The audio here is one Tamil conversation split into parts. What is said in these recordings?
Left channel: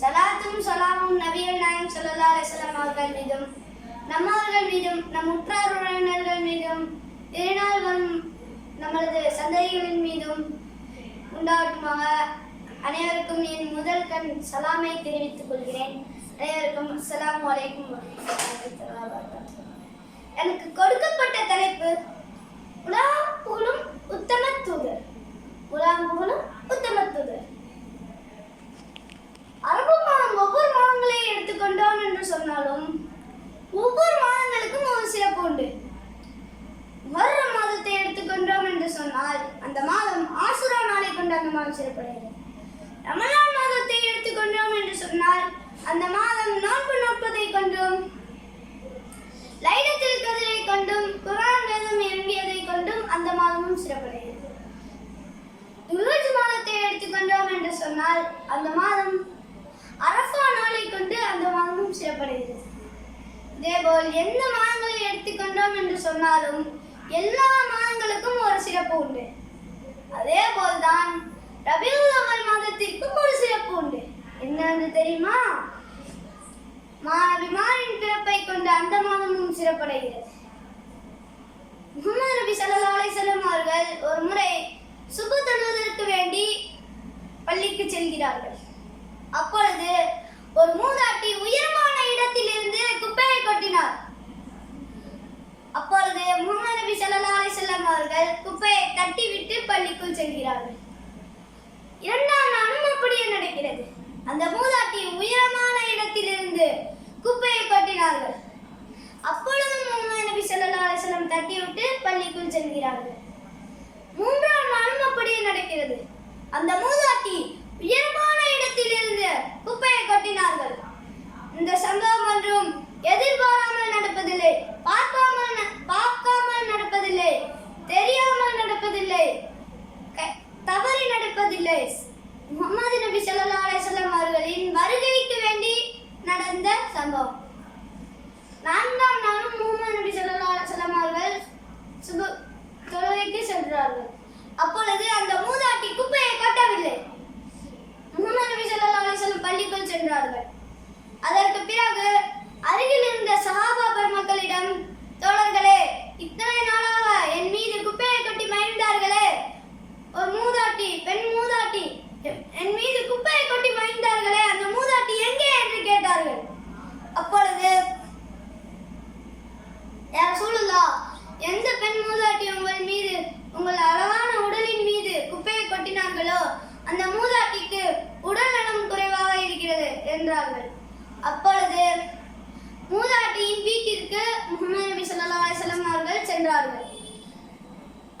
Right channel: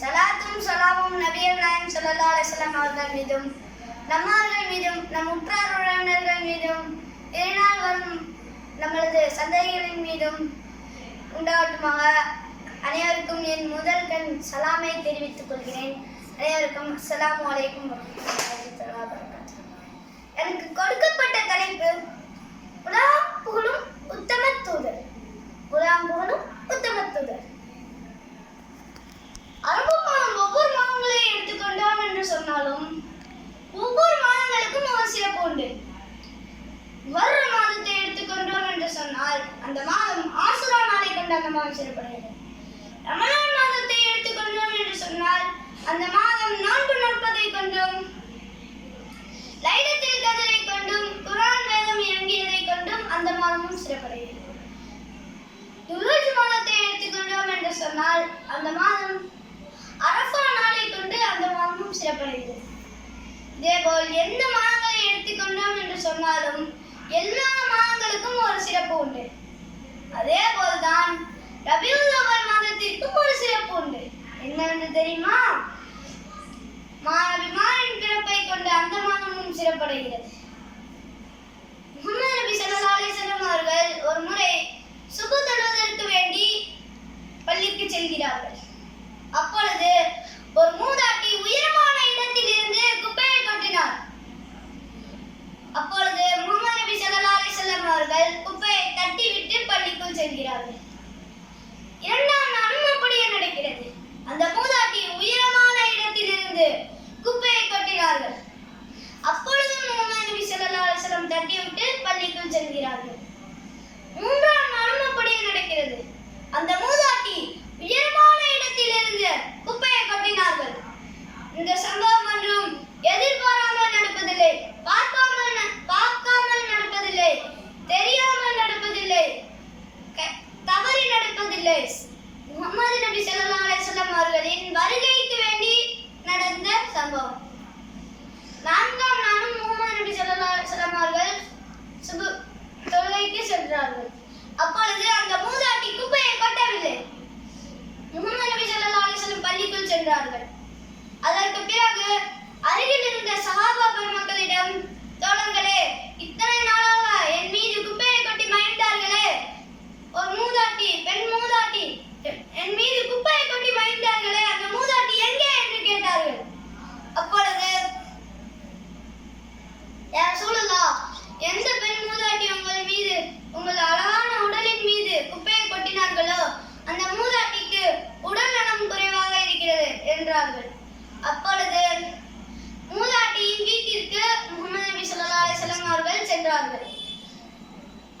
சலாத்தும் சலாமும் நபிகள் நாயம் ஸல்லல்லாஹு அலைஹி அவர்கள் மீதும் நம்மவர்கள் மீதும் நம் உற்றார் உறவினர்கள் மீதும் திருநாள் வரும் நமது சந்தைகளின் மீதும் உண்டாகட்டுமாக அனைவருக்கும் என் முதல் கண் சலாமை தெரிவித்துக் கொள்கிறேன். அனைவருக்கும் அஸ்ஸலாமு அலைக்கும் வரஹ்மத்துல்லாஹி வபரகாத்துஹு. எனக்கு கொடுக்கப்பட்ட தலைப்பு உலகம் புகழும் உத்தம தூதர். உலகம் புகழும் உத்தம தூதர். அரபு மாதம் ஒவ்வொரு மாதங்களை எடுத்துக்கொண்டோம் என்று சொன்னாலும் ஒவ்வொரு மாதங்களுக்கும் ஒரு சிறப்பு உண்டு. வர்ற மாதத்தை எடுத்துக்கொண்டோம் என்று சொன்னால் அந்த மாதம் ஆசுரா நாளை கொண்டு அந்த மாதம் சிறப்படுகிறது. ரமலான் மாதத்தை எடுத்துக்கொண்டோம் என்று சொன்னால் அந்த மாதம் நோன்பு நோட்பதை கொண்டோம் லைலத்தில் கதிரை குரான் வேதம் இறங்கியதை கொண்டும் அந்த மாதமும் சிறப்படைகிறது துல்ஹஜ் மாதத்தை எடுத்துக்கொண்டோம் என்று சொன்னால் அந்த மாதம் அரசா நாளை கொண்டு அந்த மாதமும் சிறப்படைகிறது. இதேபோல் எந்த மாதங்களை எடுத்துக்கொண்டோம் என்று சொன்னாலும் எல்லா மாதங்களுக்கும் ஒரு சிறப்பு உண்டு. அதே போல்தான் ரபியுல் அவ்வல் மாதத்திற்கும் ஒரு சிறப்பு உண்டு. என்னவென்று தெரியுமா? மாணவிமாரின் பிறப்பை கொண்டு அந்த மாதமும் சிறப்படைகிறது. முகமது நபி சல்லா அலிசல்லம் அவர்கள் ஒரு முறை சுபு தொழுவதற்கு வேண்டி பள்ளிக்கு செல்கிறார்கள். அப்பொழுது ஒரு மூதாட்டி உயரமான இடத்திலிருந்து குப்பையை கொட்டினார். அப்பொழுது முகமது நபி சல்லா அலிசல்லம் அவர்கள் குப்பையை தட்டிவிட்டு பள்ளிக்குள் செல்கிறார்கள். இரண்டாம் நாளும் அப்படியே நடக்கிறது. அந்த மூதாட்டி உயரமான இடத்திலிருந்து குப்பையை கொட்டினார்கள். அப்பொழுது ஸல்லல்லாஹு கட்டிவிட்டு தட்டிவிட்டு பள்ளிக்குள் செல்கிறார்கள். மூன்றாம் நாளும் அப்படியே நடக்கிறது. அந்த மூதாட்டி உயரமான இடத்திலிருந்து குப்பையை கொட்டினார்கள். இந்த சம்பவம் ஒன்றும் எதிர்பாராமல் நடப்பதில்லை. பார்க்காமல் பார்க்காமல் நடப்பதில்லை தெரியாமல் நடப்பதில்லை க- தவறி நடப்பதில்லை முகமது நபி ஸல்லல்லாஹு அலைஹி வஸல்லம் அவர்களின் வருகைக்கு வேண்டி நடந்த சம்பவம் நான்காம் நாளும் முகமது நபி ஸல்லல்லாஹு அலைஹி வஸல்லம் அவர்கள் சுபு தொழுகைக்கு சென்றார்கள் அப்பொழுது அந்த மூதாட்டி குப்பையை கொட்டவில்லை முகமது நபி ஸல்லல்லாஹு அலைஹி வஸல்லம் பள்ளிக்குள் சென்றார்கள் அதற்கு பிறகு அருகில் இருந்த சஹாபா பெருமக்களிடம் தோழர்களே இத்தனை நாளாக என் மீது குப்பையை கொட்டி மகிழ்ந்தார்களே ஒரு மூதாட்டி பெண் மூதாட்டி என் மீது குப்பையை கொட்டி மகிழ்ந்தார்களே அந்த மூதாட்டி எங்கே என்று கேட்டார்கள் அப்பொழுது யார் சூழலா எந்த பெண் மூதாட்டி உங்கள் மீது உங்கள் அழகான உடலின் மீது குப்பையை கொட்டினார்களோ அந்த மூதாட்டிக்கு உடல் நலம் குறைவாக இருக்கிறது என்றார்கள். அப்பொழுது மூதாட்டியின் வீட்டிற்கு முகமது நபி சொல்லா அலைஹி அவர்கள் சென்றார்கள்.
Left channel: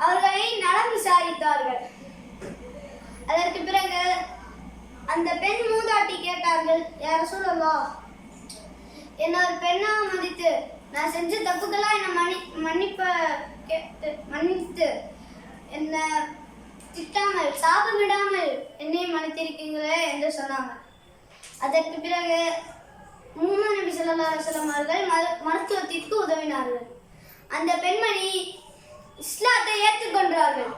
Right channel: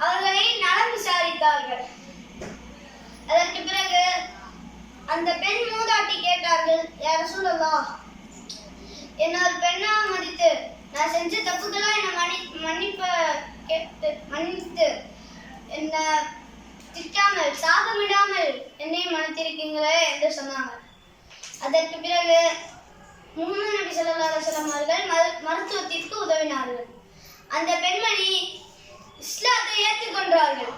அவர்களை நலம் விசாரித்தார்கள். அதற்கு பிறகு அந்த பெண் மூதாட்டி கேட்டார்கள் யார் சூழலா என்ன ஒரு பெண்ணா மதித்து நான் செஞ்ச தப்புக்கெல்லாம் என்னை மன்னி மன்னிப்ப கேட்டு மன்னித்து என்னை திட்டாமல் சாபமிடாமல் என்னை மன்னித்திருக்கீங்களே என்று சொன்னாங்க. அதற்கு பிறகு முகமது நபி ஸல்லல்லாஹு அலைஹி அவர்கள் மருத்துவத்திற்கு உதவினார்கள். அந்த பெண்மணி இஸ்லாத்தை ஏற்றுக்கொண்டார்கள்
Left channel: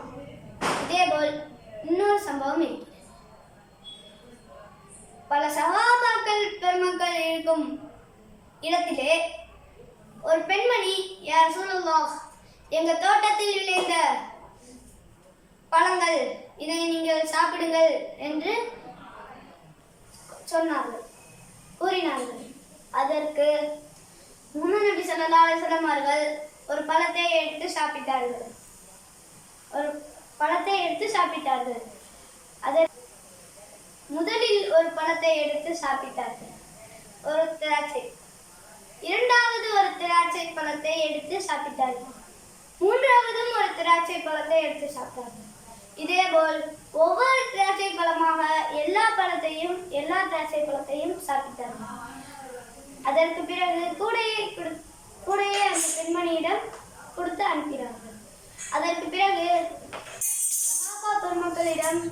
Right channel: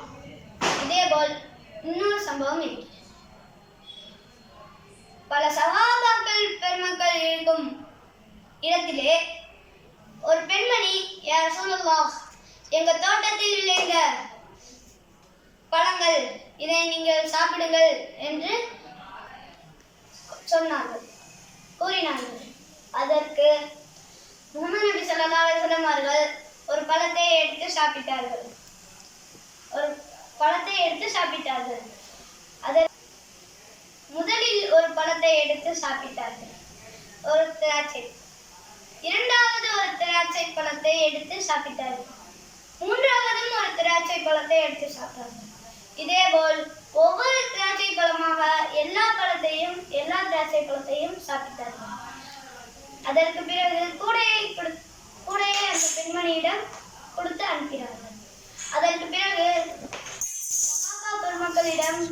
இதேபோல் இன்னொரு சம்பவம் இருக்கிறது. பல சகாபாக்கள் பெருமக்கள் இருக்கும் இடத்திலே ஒரு பெண்மணி யார் சூழல்லாஹ் எங்க தோட்டத்தில் விளைந்த பழங்கள் இதை நீங்கள் சாப்பிடுங்கள் என்று சொன்னார்கள் கூறினார்கள் அதற்கு முகமது நபி ஸல்லல்லாஹு அலைஹி அவர்கள் ஒரு பழத்தை எடுத்து சாப்பிட்டார்கள். ஒரு பழத்தை எடுத்து சாப்பிட்டார்கள். அதை முதலில் ஒரு பழத்தை எடுத்து சாப்பிட்டார்கள். ஒரு திராட்சை. இரண்டாவது ஒரு திராட்சை பழத்தை எடுத்து சாப்பிட்டார்கள். மூன்றாவதும் ஒரு திராட்சை பழத்தை எடுத்து சாப்பிட்டார்கள். இதேபோல் ஒவ்வொரு திராட்சை பழமாக எல்லா பழத்தையும் எல்லா திராட்சை பழத்தையும் சாப்பிட்டார்கள் அதற்கு பிறகு கூடையை கொடு கூடையை அந்த பெண்மணியிடம் கொடுத்து அனுப்பினார்கள். அதற்கு பிறகு சகாபா பெருமக்களிடம்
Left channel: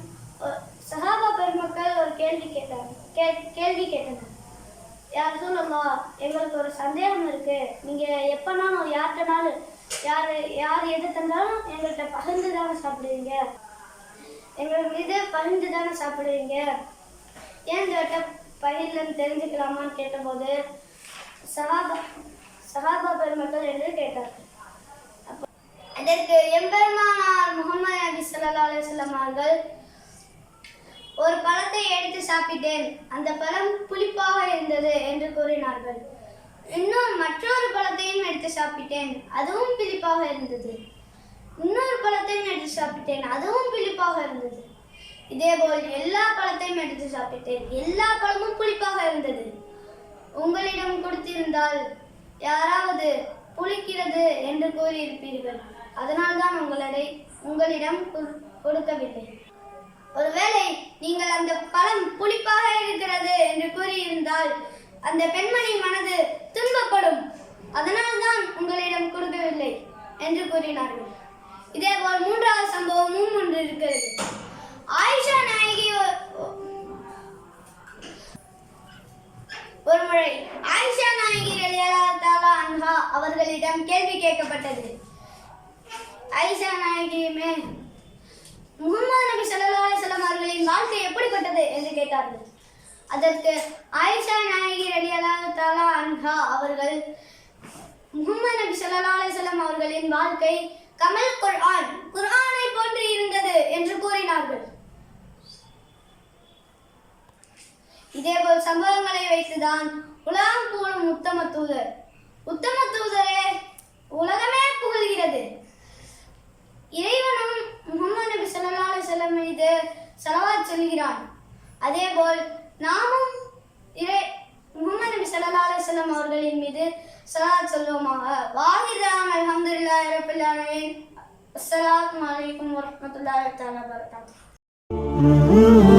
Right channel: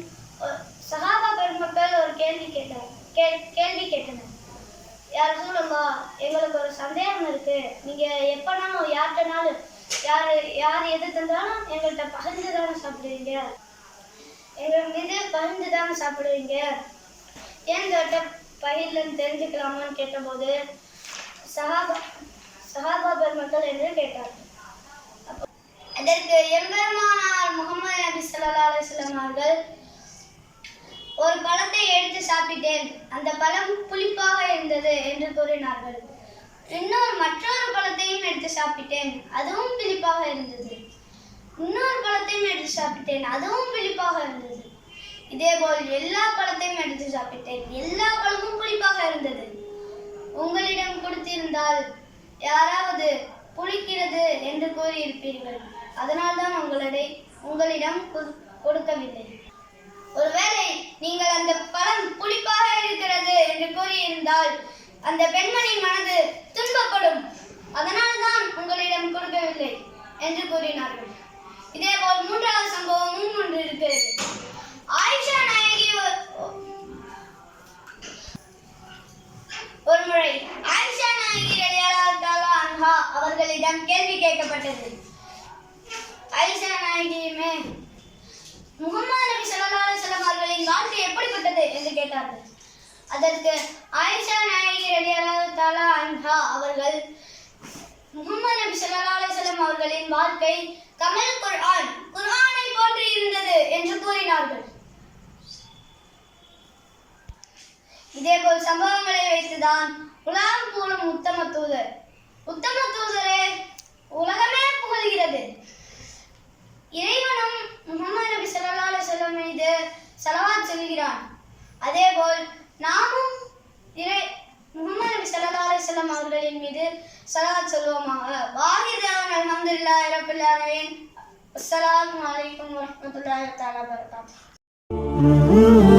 சகாபா பெருமக்கள் ஒரு கேள்வி கேட்டார் கே கேள்வி கேட்டனர். யார் சொல்லுங்க எங்களுக்கு ஒரு சந்தேகம் இருக்கு. நீங்க எப்பனாலும் யார்கிட்டனாலும் யார் யார் எது தந்தாலும் எங்கள்கிட்ட பகிர்ந்து தானே சாப்பிடுவீங்க? எங்கள் மீது பகிர்ந்து தானே சாப்பிடுவீங்க? ஏன் தோட்ட பயிர்லன்னு தெரிஞ்சுக்கலாமான்னு கேட்டபோது சகாபா சகாபா பெருமக்கள் என்று கேட்டார். அதற்கு எம்பெருமானார் முகமது நபி ஸல்லல்லாஹு அலைஹி அவர்கள் ஒரு பழத்தை எடுத்து சாப்பிட்டேன். அந்த பழம் புளிப்பாக இருந்தது என்று கூறினார்கள். இன்னும் மற்றொரு பழத்தையும் எடுத்து சாப்பிட்டேன். அதுவும் புளிப்பாக இருந்தது. இன்னொரு பழத்தையும் எடுத்து சாப்பிட்டேன். அதுவும் புளிப்பாக இருந்தது. இதேபோல் எல்லா பழத்தையும் எடுத்து சாப்பிட்டேன். எல்லா பழமும் புளிப்பாக இருந்தது. உங்களிடம் கொடுத்திருந்தால் யாராவது புளிக்கிறது என்று கூறியிருப்பீர்கள். அதனால்தான் உங்களை உங்களிடம் கொடு- கொடுக்கவில்லை. ஒருவேளை நீங்கள் அந்த பழம் புளிப்பாக இருக்கிறது என்று கூறியிருந்தால் அந்த பெண்மணி மனது துன்பப்படும். அதனால்தான் உங்களிடம் கொடுக்கவில்லை என்று கூறினார்கள். இதே போல் மூன்றாவது சம்பவமும் ஒன்று இருக்கிறது ஆயிஷா நாயகி ஒரு முறை ஆயிஷா நாயகி அன்ஹா அவர்களிடம் கேள்வி கேட்கப்பட்டது. ஆயிஷா நாயகியுமே முகமது நபி ஸல்லல்லாஹு அலைஹி அவர்களின் வாழ்க்கை எப்படிப்பட்டது? என்று கேட்டார்கள். அதற்கு ஆயிஷா நாயகி ரலியல்லாஹு தாலா அன்ஹா அவர்கள் முகமது நபி சல்லா அலிசல்லாம் அவர்களின் வாழ்க்கை கமல் குர்ஆன் குர்ஆனை போன்று இருந்தது என்று கூறினார்கள். இதேபோல் சம்பவங்களை வைத்துதான் உலகம் போலும் உத்தம தூதர். உத்தம தூதரே உலகமே புகழ்கிறது. இறைவனும் முகமது நபி சல்லா அலைஹி மீது ஸலவாத் சொல்கிறான். அதேபோல் நாமும் இறை முகமது நபி சல்லா அலைஹி அவர்களின் மீது ஸலவாத் சொல்லுவோமாக வாஹிதான் அல்ஹம்துலில்லாஹி ரப்பில் அஸ்லாம் அஸ்ஸலாமு அலைக்கும் வரஹ்மத்துல்லாஹி தஆலா வபரகாத்துஹு.